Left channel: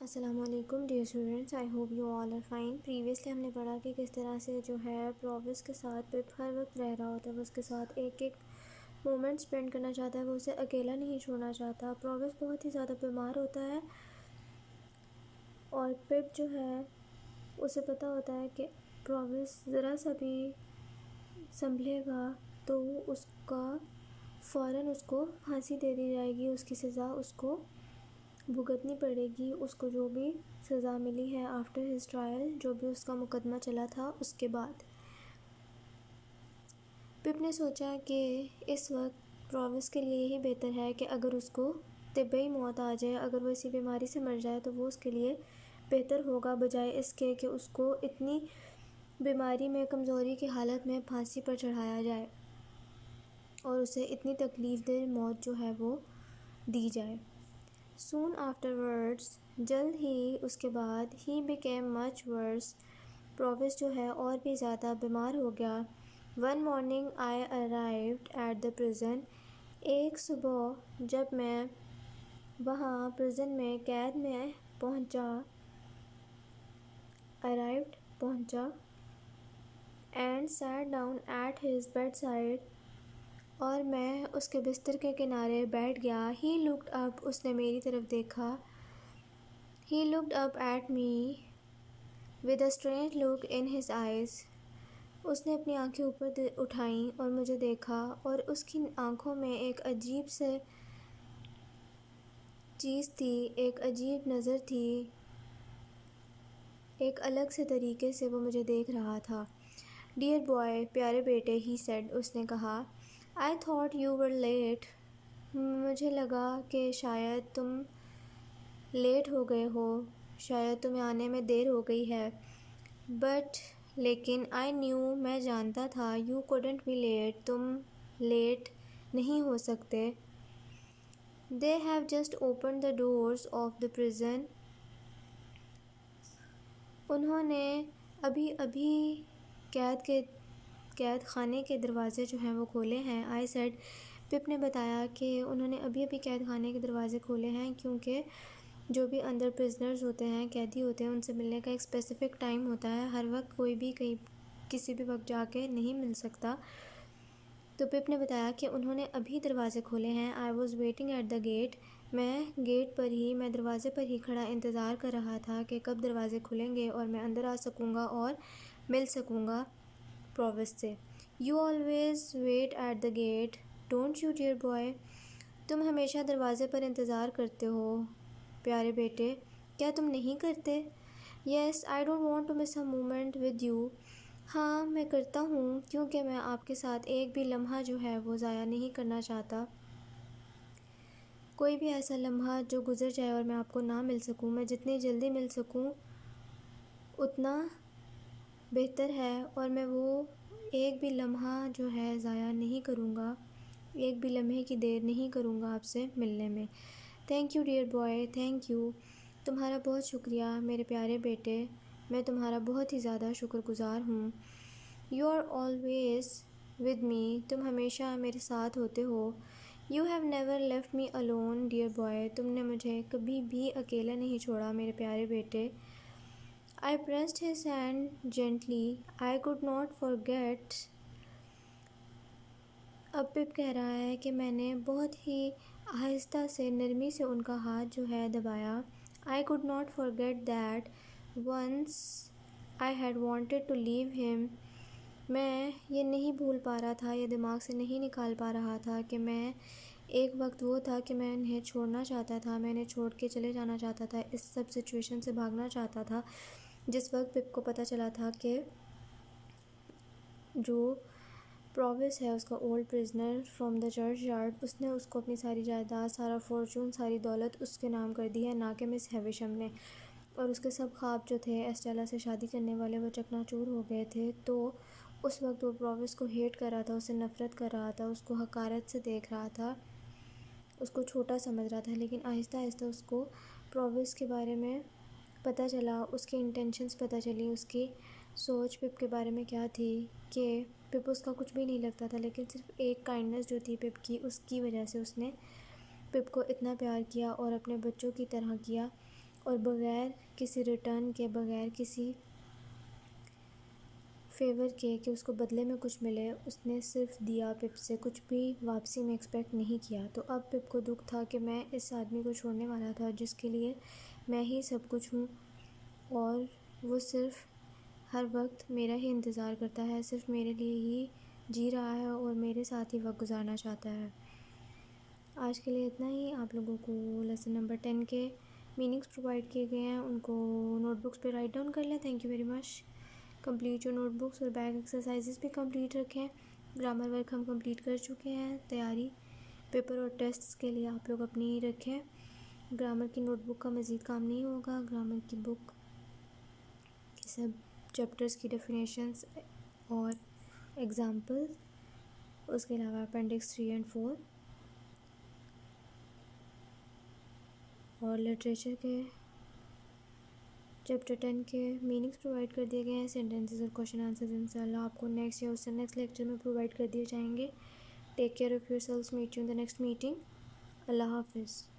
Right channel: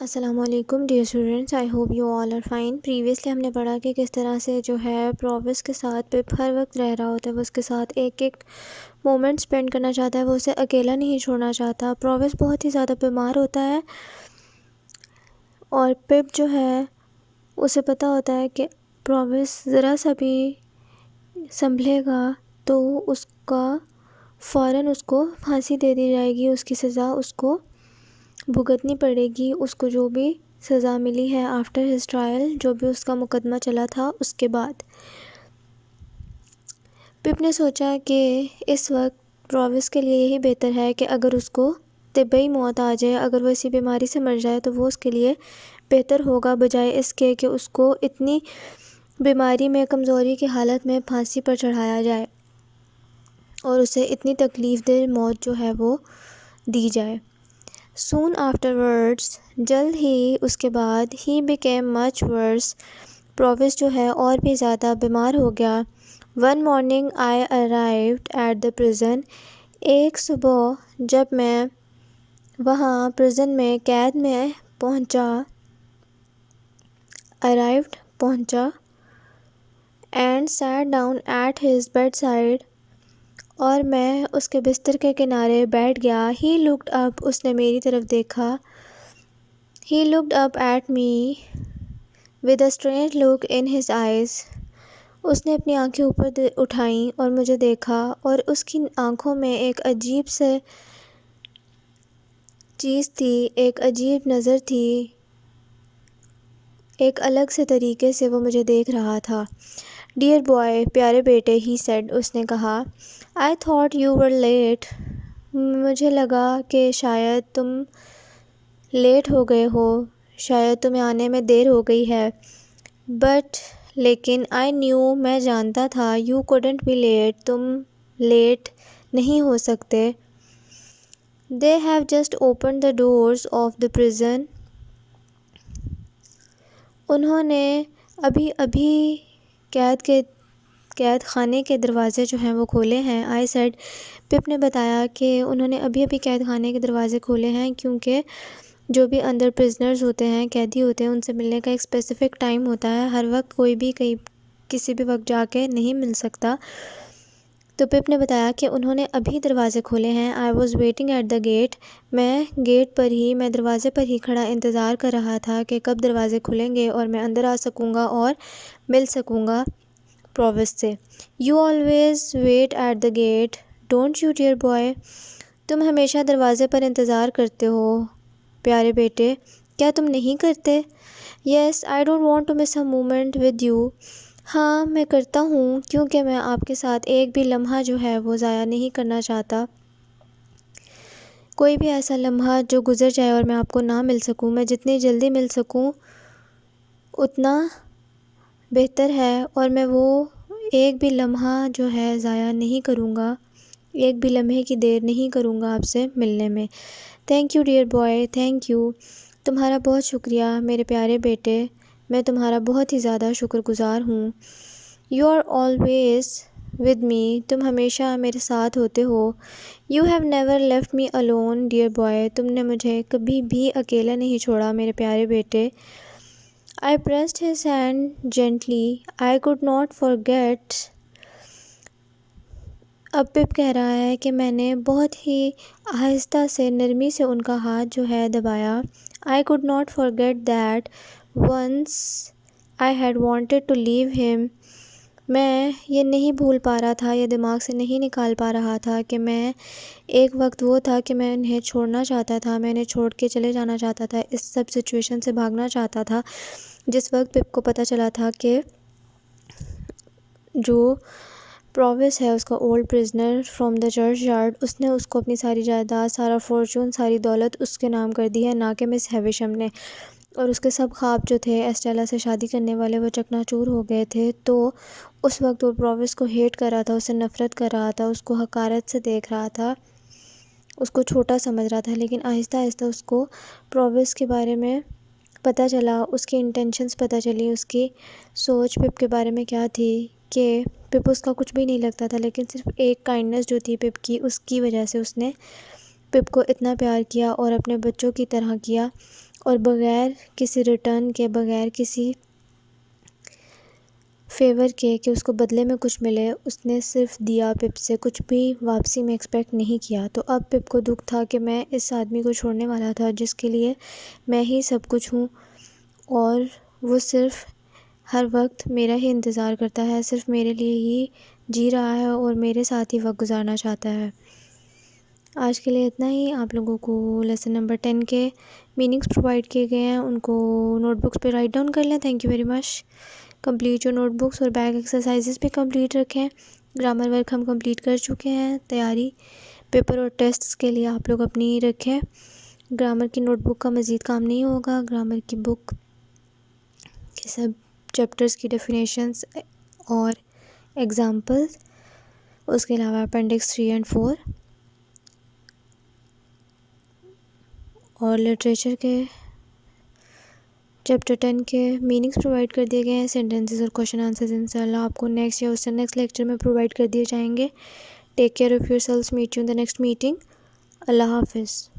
السلام علیکم dear students, I hope you all are fine. Previously ہم نے پڑھا کہ کس طرح سے جو ہے پرووس کے ساتھ پپ ہر وقت رہ رہا ہوتا ہے، وہ اس کے ساتھ ایک ایک مومنٹ سپینڈ کرنا چاہتا ہے، وہ اسے اکیلا نہیں چھوڑنا چاہتا۔ پرووس بہت ہی زیادہ بیمار ہوتا ہے اور پپ جو ہے اسے پتہ ہوتا ہے کہ پرووس ذرا سا بھی سنبھلے گا تو اس کا فوراً اس کو پھانسی دے دی جائے گی، اس کی سزا اس کو بھگتنی پڑے گی، اس کو جو بھی سزا ملی ہے آفٹر ہز ٹرائل، جو بھی اس کا مقدمہ چلا تھا اس کے بعد۔ پپ نے سوچا کہ اس وقت پرووس کے لیے یہی بہتر ہے کہ اگر اس کو طبعی موت آ جائے، اگر وہ اسی بیماری سے مر جائے تو وہ اس کے لیے بہتر ہوگا، بجائے اس کے کہ اس کو اتنی بیماری میں کمزوری کی حالت میں پھانسی پر چڑھایا جائے اور اسے اتنی تکلیف دہ موت جو ہے وہ دی جائے۔ Soon afterwards، جلد ہی اس کے بعد he became much worse، proves جو ہے اور بھی زیادہ بیمار ہو گیا۔ One morning I arrived at the prison، ایک صبح جب میں وہاں پرزن میں قید میں پہنچا، arrived پہنچا and sat down at his bedside، اور میں اس کے بستر کے کنارے بیٹھ گیا۔ He looked up، اس نے میری طرف دیکھا۔ He looked up at me with a strange look in his eyes، اس نے اپنی آنکھیں اوپر اٹھائیں اور مجھے دیکھا، اور اس کی آنکھوں میں ایک عجیب سے چیز تھی، ایک عجیب نظر تھی، ایک الگ سے طریقے سے وہ مجھے دیکھ رہا تھا۔ Dear boy، پیارے بیٹے، he said، اس نے کہا۔ I thought you were late، مجھے لگا کہ شاید تم لیٹ ہو گئے ہو، شاید تمہیں آنے میں دیر ہو گئی ہے۔ But لیکن I knew، میں جانتا تھا you couldn't be late، تم لیٹ نہیں ہو سکتے۔ They have just opened the doors of the prison، انہوں نے ابھی قید خانے کے دروازے جو ہیں وہ کھولے ہیں۔ I said، پپ نے بتایا کہ انہوں نے ابھی قید خانے کے دروازے کھولے ہیں، کیونکہ جو بھی اندر پرزنرز ہوتے ہیں، قیدی ہوتے ہیں، ان سے ملنے کا ایک اسپیسیفک ٹائم ہوتا ہے، ہر وقت کوئی بھی کسی بھی وقت جا کے نہیں مل سکتا۔ تو پپ نے بتایا کہ انہوں نے ابھی دروازے کھولے ہیں۔ I was waiting at the gate، میں دروازے پر ہی کھڑا انتظار کر رہا تھا کہ کب دروازے کھلیں گے اور میں اندر آ سکوں گا اور مل سکوں گا پرووس سے۔ You always wait at the gate، don't you dear boy، تم ہمیشہ دروازے پر انتظار کرتے ہو پیارے بیٹے، کیا تم نہیں کرتے؟ Yes، I don't want to miss a moment with you، ہاں میں کرتا ہوں، کیونکہ میں آپ کے ساتھ ایک بھی لمحہ جو ہے وہ ضائع نہیں کرنا چاہتا۔ کوئی بھی ایسا لمحہ جو گزر جائے اور میں آپ کو نہ مل سکوں، میں جتنی جلدی مل سکوں اتنا بہتر ہے، اور میں وہ ایک بھی لمحہ جو ہے ضائع نہیں کروں گا، ایک بھی لمحے کی دیر نہیں کروں گا آپ سے ملنے میں۔ Thank you dear boy, thank you, تمہارا بہت شکریہ میرے پیارے بیٹے، میں تمہارا بہت ہی زیادہ شکر گزار ہوں۔ You are always with me, تم ہمیشہ میرے ساتھ ہوتے ہو۔ You have never left me alone dear boy, تم نے مجھے کبھی بھی اکیلا نہیں چھوڑا میرے پیارے بیٹے۔ I pressed his hand gently، I could not forget، اب پپ کہہ رہا ہے کہ میں نے بہت ہی آہستہ سے نرمی سے ان کا ہاتھ جو ہے دبایا۔ I could not forget that once I had wanted to leave him، میں یہ نہیں بھول پا رہا تھا، یہ دماغ سے نہیں نکال پا رہا تھا کہ میں ایک وقت وہ تھا کہ میں انہیں چھوڑنا چاہتا تھا، میں انہیں چھوڑ کے چلے جانا چاہتا تھا، اس سب سچویشن سے بھاگنا چاہتا تھا۔ جس وقت پپ کو پتہ چلا تھا کہ جو پرووس ہے، اس کا old prisoner from the churchyard, اس نے اس کو اپنی ساری جائیداد، سارا فارچون، ساری دولت اس کے نام کر دی ہے، نہ کہ مس ہیویشم نے، اور اس کے سب خواب جو تھے ایسٹیلا سے شادی کرنے والے وہ چکنا چور ہو گئے تھے۔ تو اس وقت وہ پرووس کو ہیٹ کر رہا تھا، اسے نفرت کر رہا تھا، اس کو حقارت سے دیکھ رہا تھا، اس کو چھوٹا سمجھ رہا تھا، لیکن آہستہ آہستہ اس کو پرووس کے بارے میں پتہ چلا، اس کی انٹینشنز پتہ چلی، اس کی سوچ پپ کے بارے میں کیا تھی، کہ پپ اس کا کچھ بھی نہیں لگتا تھا، لیکن صرف ایک کائنڈنس جو تھی پپ کی، اس کی وجہ سے اس نے پپ کو اتنا پیار کیا اور اپنے بچوں کی طرح کیا، اور بغیر کسی ریٹرن کے، بغیر کسی فیور کے کہ اس کو بدلے میں کچھ ملے، اس نے صرف دیا پپ سے، کچھ بھی واپسی میں ایکسپیکٹ نہیں کیا۔ تو اب پپ کو دکھ تھا کہ میں اس آدمی کو چھوڑنے والا تھا جس کے لیے میں ہی سب کچھ ہوں، اور وہ صرف ہر وقت میرا ہی انتظار کرتا ہے، صرف میرے لیے ہی جی رہا ہے اور میرے ساتھ ہی وقت گزارنا چاہتا ہے۔ آج کے لیے اتنا ہی۔ آپ لوگوں کو لیسن نمبر 10 کے میننگس پرووائڈ کیے گئے ہیں، ان کو نوٹ بکس پہ رائٹ ڈاؤن کر لیں۔ Thank you very much. Complete جو نوٹ بکس اور بیک ایکسرسائزز بھی کمپلیٹ رکھیں۔ گرامر ورک ہم کمپلیٹ کر چکے ہیں۔ تیاری پیپر اور ٹیسٹس کے لیے آپ لوگ اپنی رکھیں۔ گرامر کی نوٹ بک کا مزید کام نہیں ہوگا، گرامر کی بک کے سب چیپٹرز کی ڈیفینیشنز اور ایگزامپلز، اس کے علاوہ اپینڈکس 3 اور 4 اور لٹریچر کے چیپٹر 10 کے میننگس پرووائڈ کر دیے گئے ہیں۔ سینٹنسز اور کوشچن آنسرز انشاءاللہ آپ کو نیکسٹ یا اس سے نیکسٹ لیکچر میں پرووائڈ کر دیے جائیں گے۔ Take care of yourselves, meet you in the next meeting. اللہ حافظ۔